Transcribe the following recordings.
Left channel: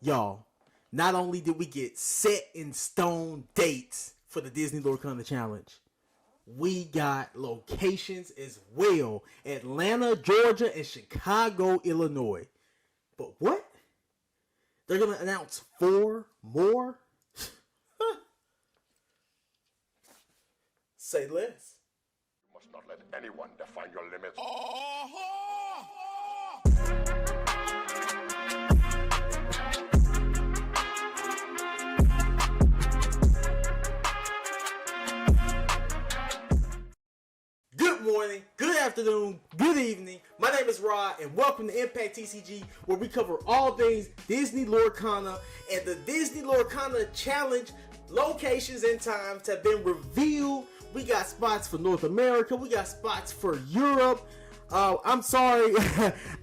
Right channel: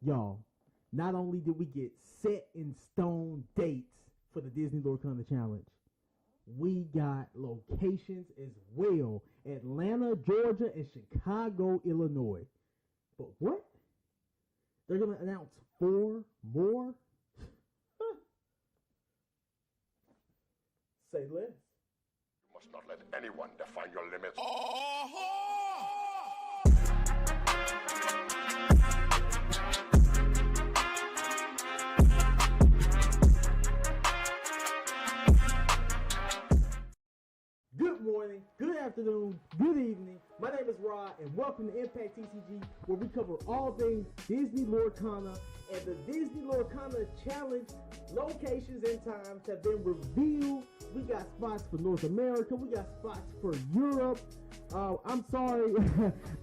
Y'all, not only did we get set in stone dates for the Disney Lorcana Challenge, we got locations as well. Atlanta, Georgia, and Chicago, Illinois. But what? They're going to announce 4 more? Say less. You must not let anyone define your limits. Good morning, good afternoon, good evening. My name is Rod, and welcome to Impact TCG, where we cover all things Disney Lorcana and the Disney Lorcana Challenge. Locations and times have been revealed. We got spots for North America. We got spots for Europe. I'm sorry,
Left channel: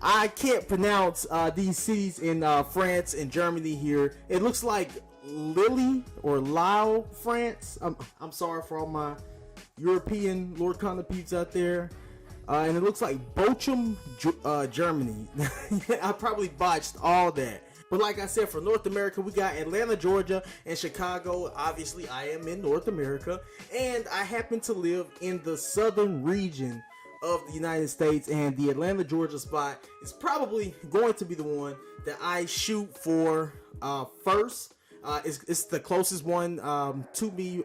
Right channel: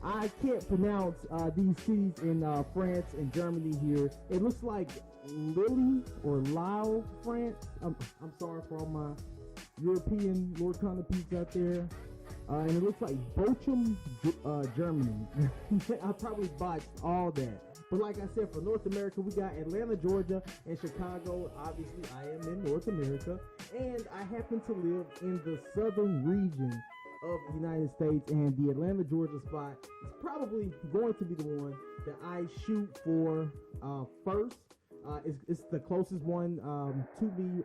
I can't pronounce these cities in France and Germany here. It looks like Lille or Lille, France. I'm sorry for all my European Lorcana peeps out there. And it looks like Bochum, Germany. I probably botched all that. But like I said, for North America, we got Atlanta, Georgia, and Chicago. Obviously, I am in North America, and I happen to live in the southern region of the United States, and the Atlanta, Georgia spot is probably going to be the one that I shoot for first. It's the closest one to me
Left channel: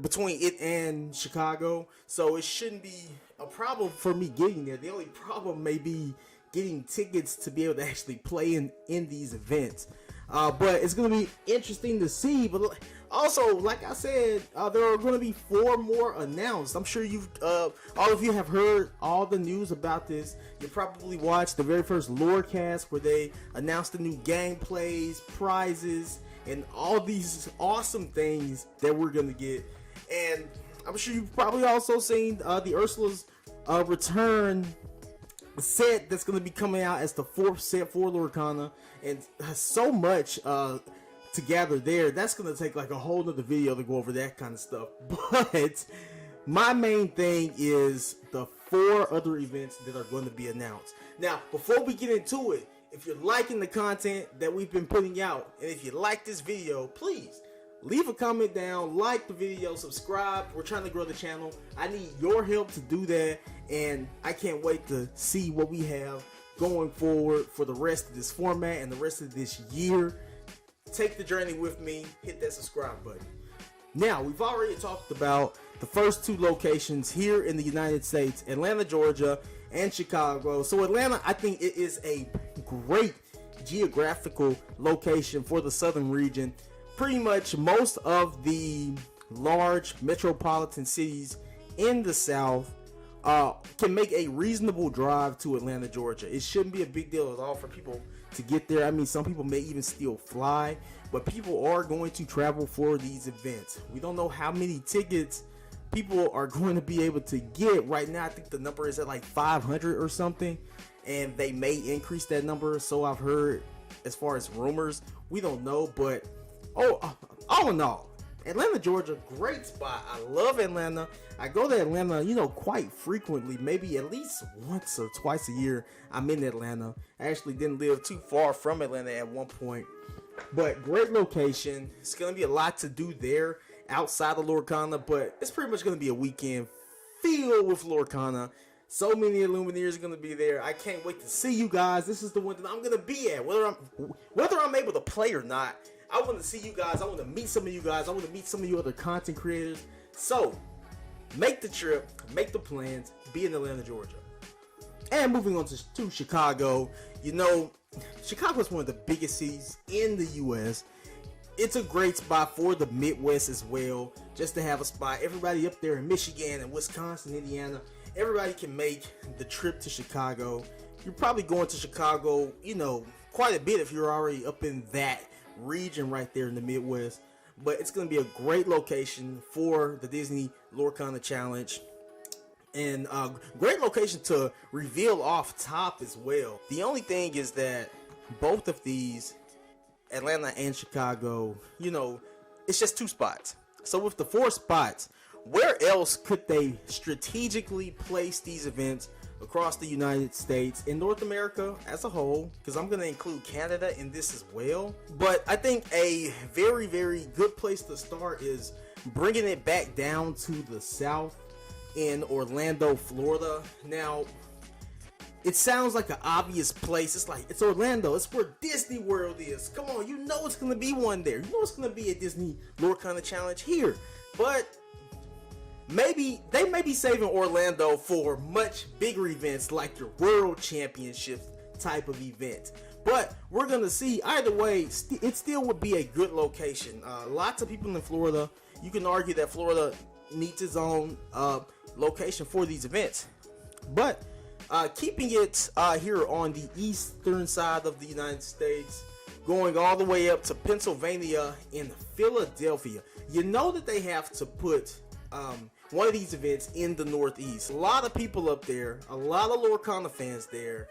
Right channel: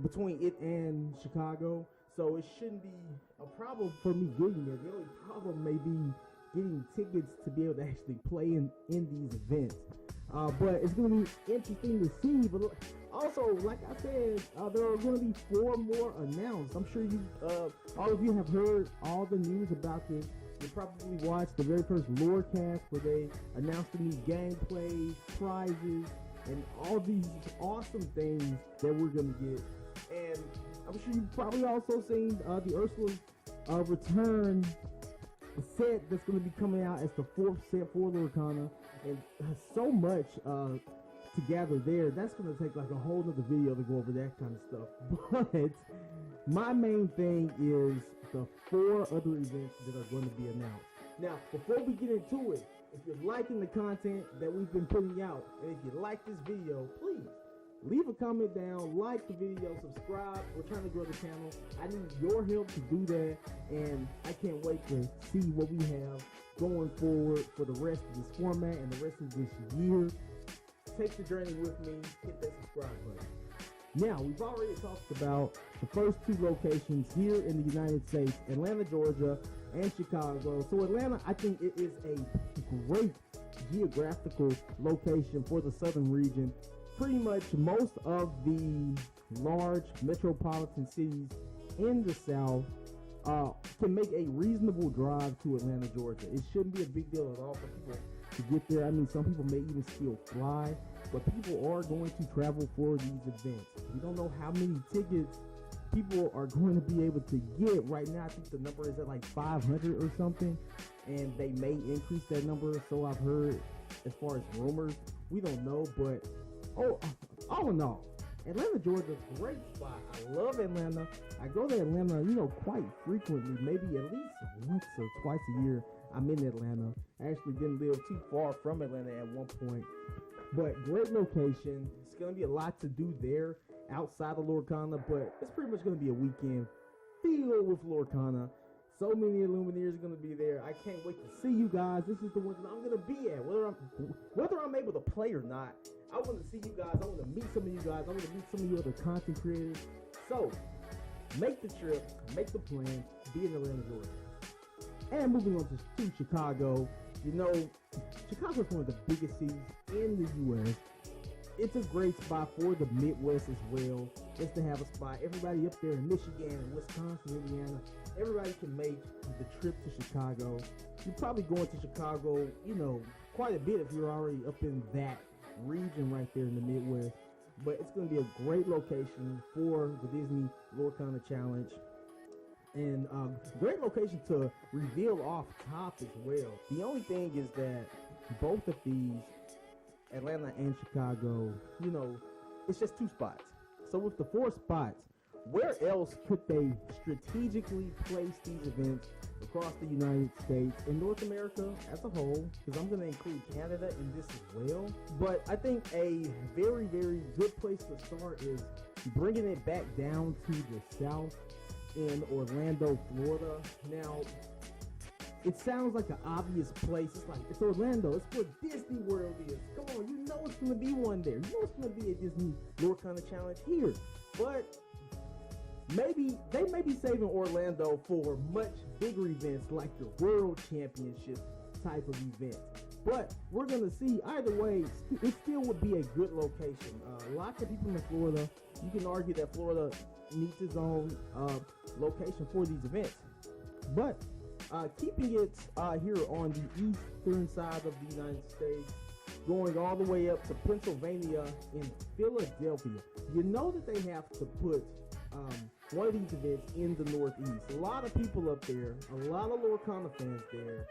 between it and Chicago, so it shouldn't be a problem for me getting there. The only problem may be getting tickets to be able to actually play in these events, but it's going to be interesting to see. But also, like I said, there are going to be 4 more announced. I'm sure you've all of you have heard all the news about this. You probably watched the very first Lorecast where they announced the new gameplays, prizes, and all these awesome things that we're going to get. And I'm sure you've probably also seen the Ursula's return set that's going to be coming out as the 4th set for Lorcana, and so much to gather there. That's going to take like a whole nother video to go over that kind of stuff. But my main thing is the 4 other events that are going to be announced. Now, before we get into it, if you're liking the content that we've been putting out, and if you like this video, please leave a comment down, like the video, subscribe. We're trying to grow the channel. I need your help to do that, and I can't wait to see what we have going forward for the rest of this format and the rest of this year. Take the journey with me. Hit that subscribe button. Now, we've already talked about the first 2 locations here in the United States, Atlanta, Georgia, and Chicago. So Atlanta, I think it is a great geographical location for the southern region. Pretty much most of the large metropolitan cities in the South can make a reasonable drive to Atlanta, Georgia. It shouldn't be a big deal at all for people to get there. I mean, some people may even still fly, but people are going to travel for these events. We don't know how many tickets people are going to be able to get. Right now, I think the number is at like 500 or something, and they may increase that number. So I've heard, as far as rumors. We don't know, but all in all, Atlanta, Georgia, great spot. I love Atlanta. I go to Atlanta, quite frequently, maybe at least once or twice a year. I'm in Atlanta. I actually didn't live too far from Atlanta at one point, but great location. It's going to be a lot to do there outside of Lorcana, but it's pretty much going to be a weekend filled with Lorcana. So many Illumineers are going to be there. I can't wait to see you guys. This is the one that I'm going to be at, whether I'm able to play or not. I want to see you guys. I want to meet some of you guys. I want to meet some of you other content creators. So make the trip, make the plans, be in Atlanta, Georgia. And moving on to Chicago, Chicago is one of the biggest cities in the U.S. It's a great spot for the Midwest as well, just to have a spot. Everybody up there in Michigan and Wisconsin, Indiana, everybody can make the trip to Chicago. You're probably going to Chicago, quite a bit if you're already up in that region right there in the Midwest. But it's going to be a great location for the Disney Lorcana Challenge, and great location to reveal off top as well. The only thing is that both of these, Atlanta and Chicago, it's just 2 spots. So with the 4 spots, where else could they strategically place these events across the United States and North America as a whole, because I'm going to include Canada in this as well. But I think a very, very good place to start is bringing it back down to the south in Orlando, Florida. Now, it sounds like an obvious place. It's like, it's Orlando. It's where Disney World is. Come on, you know it's going to be one there. You know it's going to be a Disney Lorcana challenge here. But maybe they may be saving Orlando for much bigger events like your World Championship type of event. But we're going to see. Either way, it still would be a good location. Lots of people in Florida. You can argue that Florida needs its own location for these events. But keeping it here on the eastern side of the United States, going all the way up to Pennsylvania and Philadelphia. You know that they have to put one of these events in the Northeast. A lot of people up there, a lot of Lorcana fans there.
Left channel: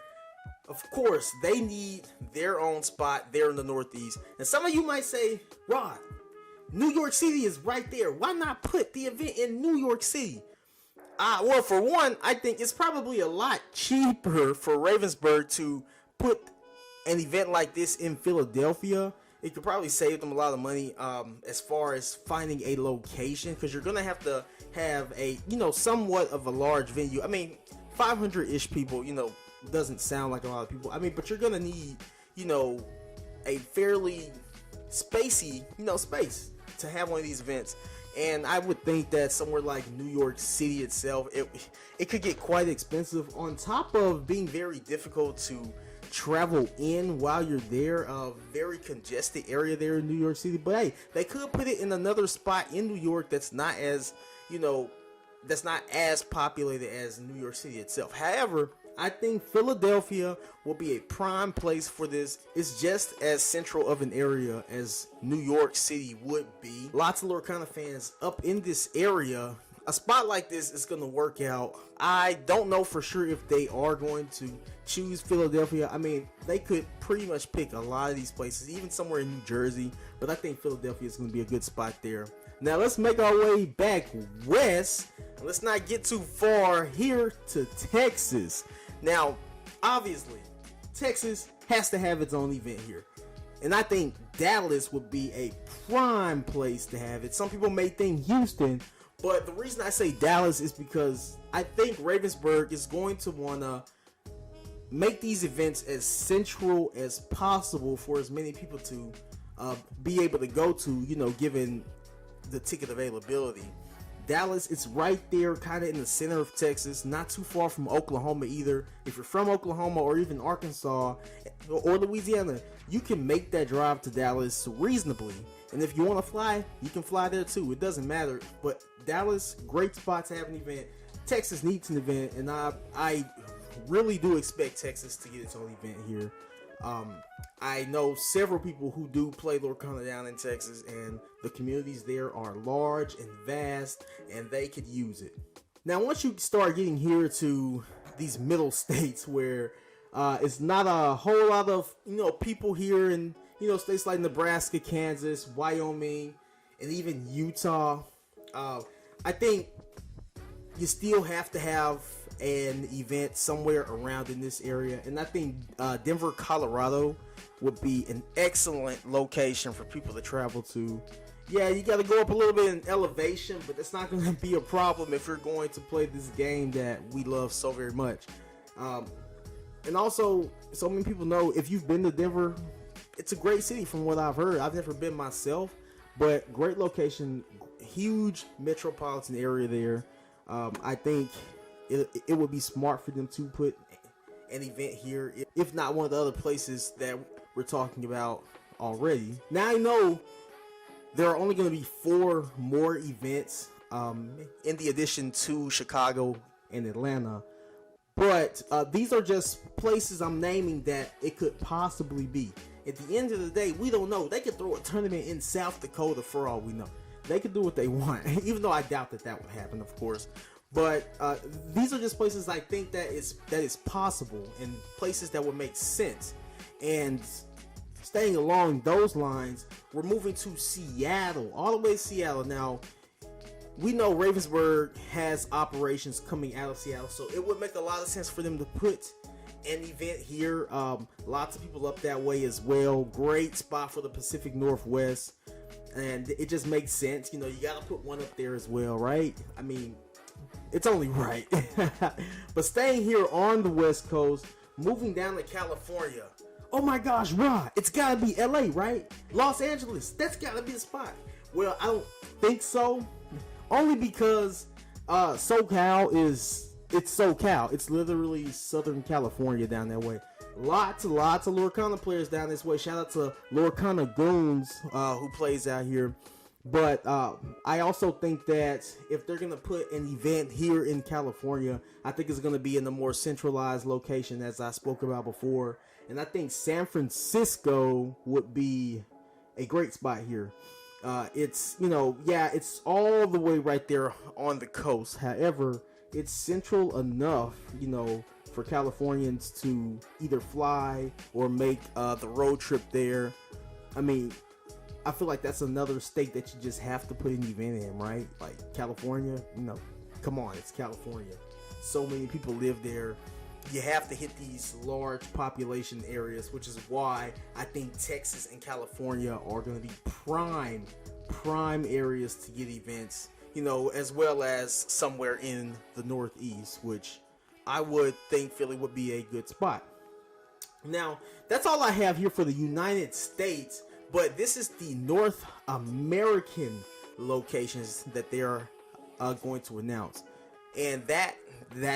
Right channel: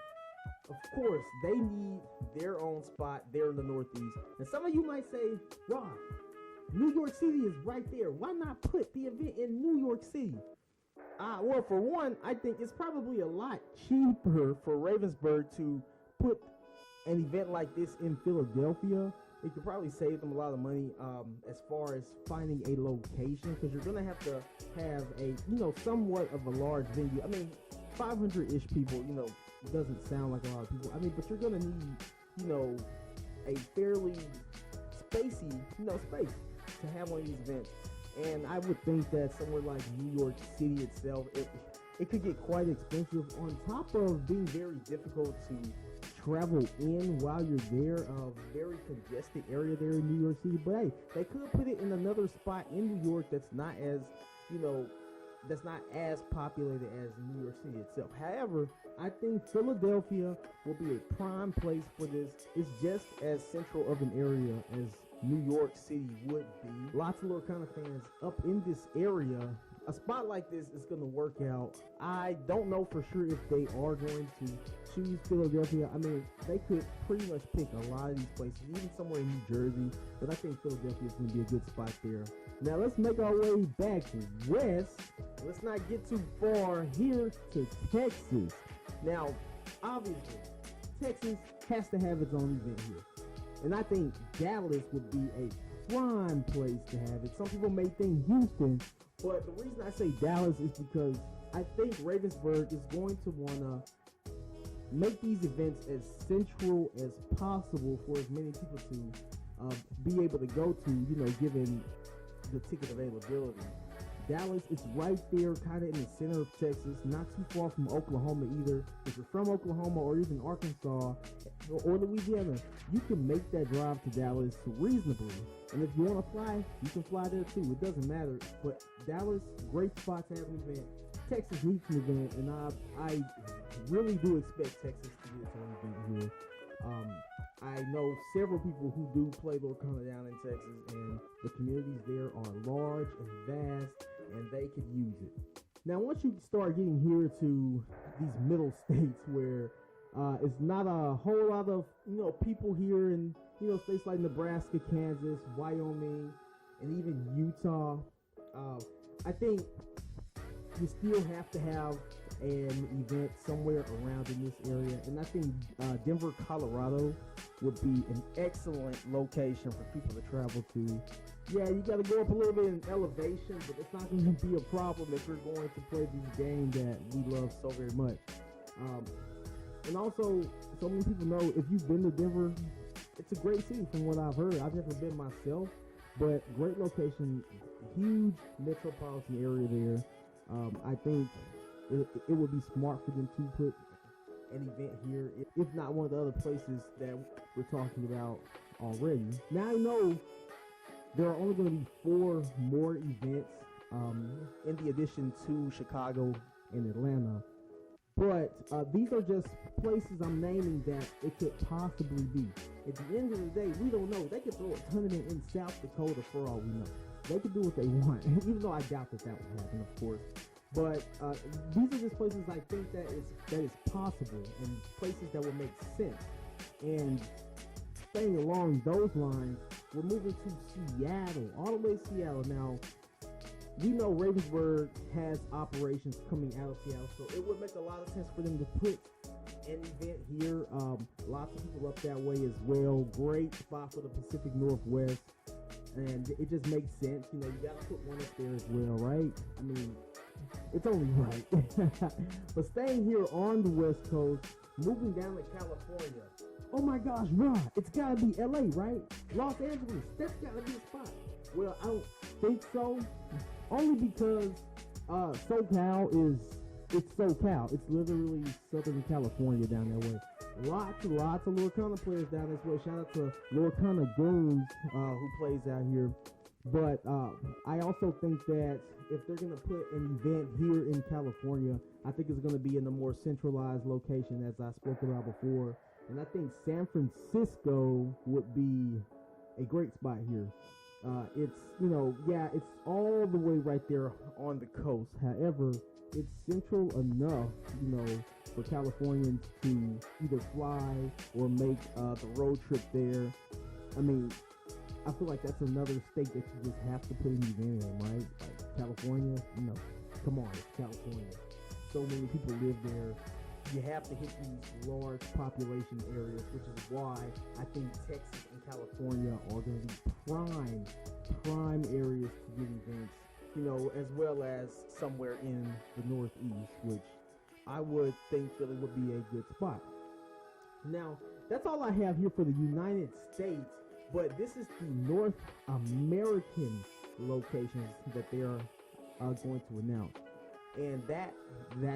Of course, they need their own spot there in the Northeast. And some of you might say, Rod, New York City is right there. Why not put the event in New York City? Well, for one, I think it's probably a lot cheaper for Ravensburg to put an event like this in Philadelphia. It could probably save them a lot of money as far as finding a location, because you're gonna have to have a, somewhat of a large venue. I mean, 500-ish people, doesn't sound like a lot of people. I mean, but you're gonna need, a fairly spacey, space to have one of these events. And I would think that somewhere like New York City itself, it could get quite expensive, on top of being very difficult to travel in while you're there. A very congested area there in New York City. But hey, they could put it in another spot in New York that's not as, that's not as populated as New York City itself. However, I think Philadelphia will be a prime place for this. It's just as central of an area as New York City would be. Lots of Lorcana fans up in this area. A spot like this is going to work out. I don't know for sure if they are going to choose Philadelphia. I mean, they could pretty much pick a lot of these places, even somewhere in New Jersey. But I think Philadelphia is going to be a good spot there. Now let's make our way back west. Let's not get too far here to Texas. Now, obviously, Texas has to have its own event here. And I think Dallas would be a prime place to have it. Some people may think Houston, but the reason I say Dallas is because I think Ravensburg is going to want to make these events as central as possible for as many people to be able to go to, given the ticket availability. Dallas, it's right there kind of in the center of Texas, not too far from Oklahoma either. If you're from Oklahoma or even Arkansas or Louisiana, you can make that drive to Dallas reasonably. And if you want to fly, you can fly there too. It doesn't matter. But Dallas, great spot to have an event. Texas needs an event, and I really do expect Texas to get its own event here. I know several people who do play Lorcana down in Texas, and the communities there are large and vast, and they could use it. Now, once you start getting here to these middle states where it's not a whole lot of people here in states like Nebraska, Kansas, Wyoming, and even Utah, I think you still have to have an event somewhere around in this area. And I think Denver, Colorado would be an excellent location for people to travel to. Yeah, you got to go up a little bit in elevation, but it's not going to be a problem if you're going to play this game that we love so very much. And also, so many people know, if you've been to Denver, it's a great city from what I've heard. I've never been myself, but great location, huge metropolitan area there. I think it would be smart for them to put an event here, if not one of the other places that we're talking about already. Now, I know there are only going to be 4 more events in the addition to Chicago and Atlanta, but these are just places I'm naming that it could possibly be. At the end of the day, we don't know. They could throw a tournament in South Dakota for all we know. They could do what they want, even though I doubt that would happen, of course. But these are just places I think that is possible, and places that would make sense. And staying along those lines, we're moving to Seattle, all the way to Seattle. Now, we know Ravensburg has operations coming out of Seattle, so it would make a lot of sense for them to put an event here. Lots of people up that way as well. Great spot for the Pacific Northwest, and it just makes sense. You know, you gotta put one up there as well, right? I mean, it's only right. But staying here on the West Coast, moving down to California. Oh my gosh, Rod, it's gotta be LA, right? Los Angeles, that's gotta be the spot. Well, I don't think so. Only because SoCal it's SoCal. It's literally Southern California down that way. Lots of Lorcana players down this way. Shout out to Lorcana Goons who plays out here. But I also think that if they're going to put an event here in California, I think it's going to be in a more centralized location, as I spoke about before. And I think San Francisco would be a great spot here. It's, you know, yeah, it's all the way right there on the coast. However, it's central enough, you know, for Californians to either fly or make the road trip there. I mean, I feel like that's another state that you just have to put an event in, right? Like California, you know, come on, it's California. So many people live there. You have to hit these large population areas, which is why I think Texas and California are going to be prime areas to get events, you know, as well as somewhere in the Northeast, which I would think Philly would be a good spot. Now, that's all I have here for the United States, but this is the North American locations that they are going to announce. And that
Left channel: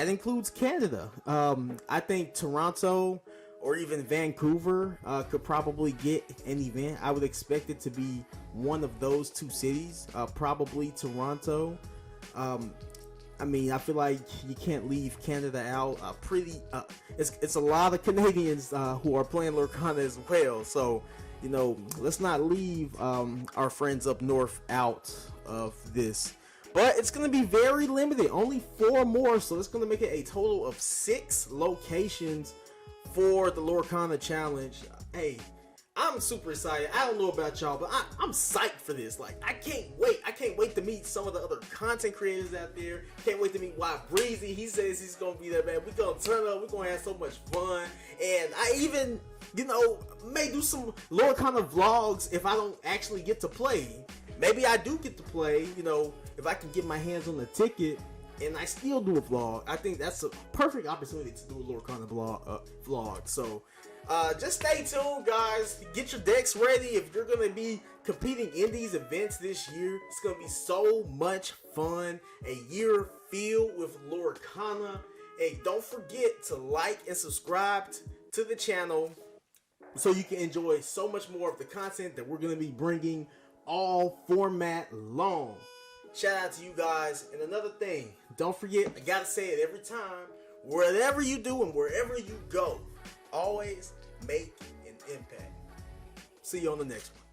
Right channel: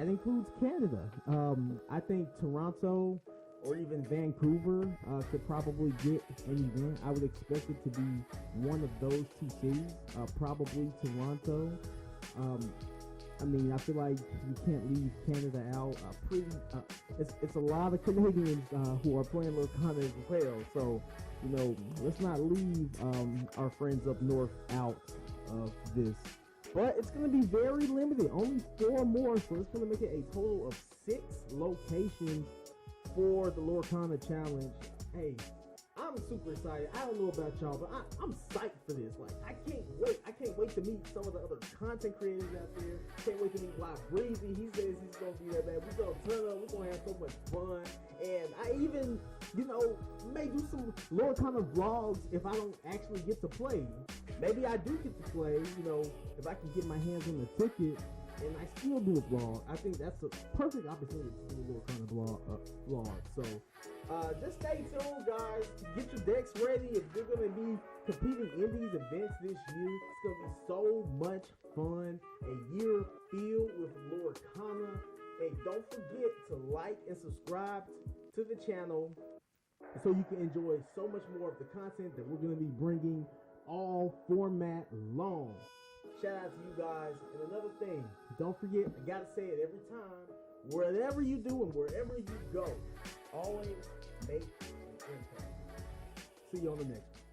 includes Canada. I think Toronto or even Vancouver could probably get an event. I would expect it to be one of those two cities, probably Toronto. I mean, I feel like you can't leave Canada out. It's a lot of Canadians who are playing Lorcana as well. So, you know, let's not leave our friends up north out of this. But it's going to be very limited, only 4 more, so it's going to make it a total of 6 locations for the Lorcana Challenge. Hey, I'm super excited. I don't know about y'all, but I'm psyched for this. Like, I can't wait. I can't wait to meet some of the other content creators out there. Can't wait to meet Wild Breezy. He says he's going to be there, man. We're going to turn up. We're going to have so much fun. And I even, you know, may do some Lorcana vlogs if I don't actually get to play. Maybe I do get to play, you know, if I can get my hands on the ticket and I still do a vlog. I think that's a perfect opportunity to do a Lorcana vlog. So just stay tuned, guys. Get your decks ready if you're going to be competing in these events this year. It's going to be so much fun. A year filled with Lorcana. Hey, don't forget to like and subscribe to the channel so you can enjoy so much more of the content that we're going to be bringing all format long. Shout out to you guys. And another thing, don't forget, I gotta say it every time, whatever you do and wherever you go, always make an impact. See you on the next one.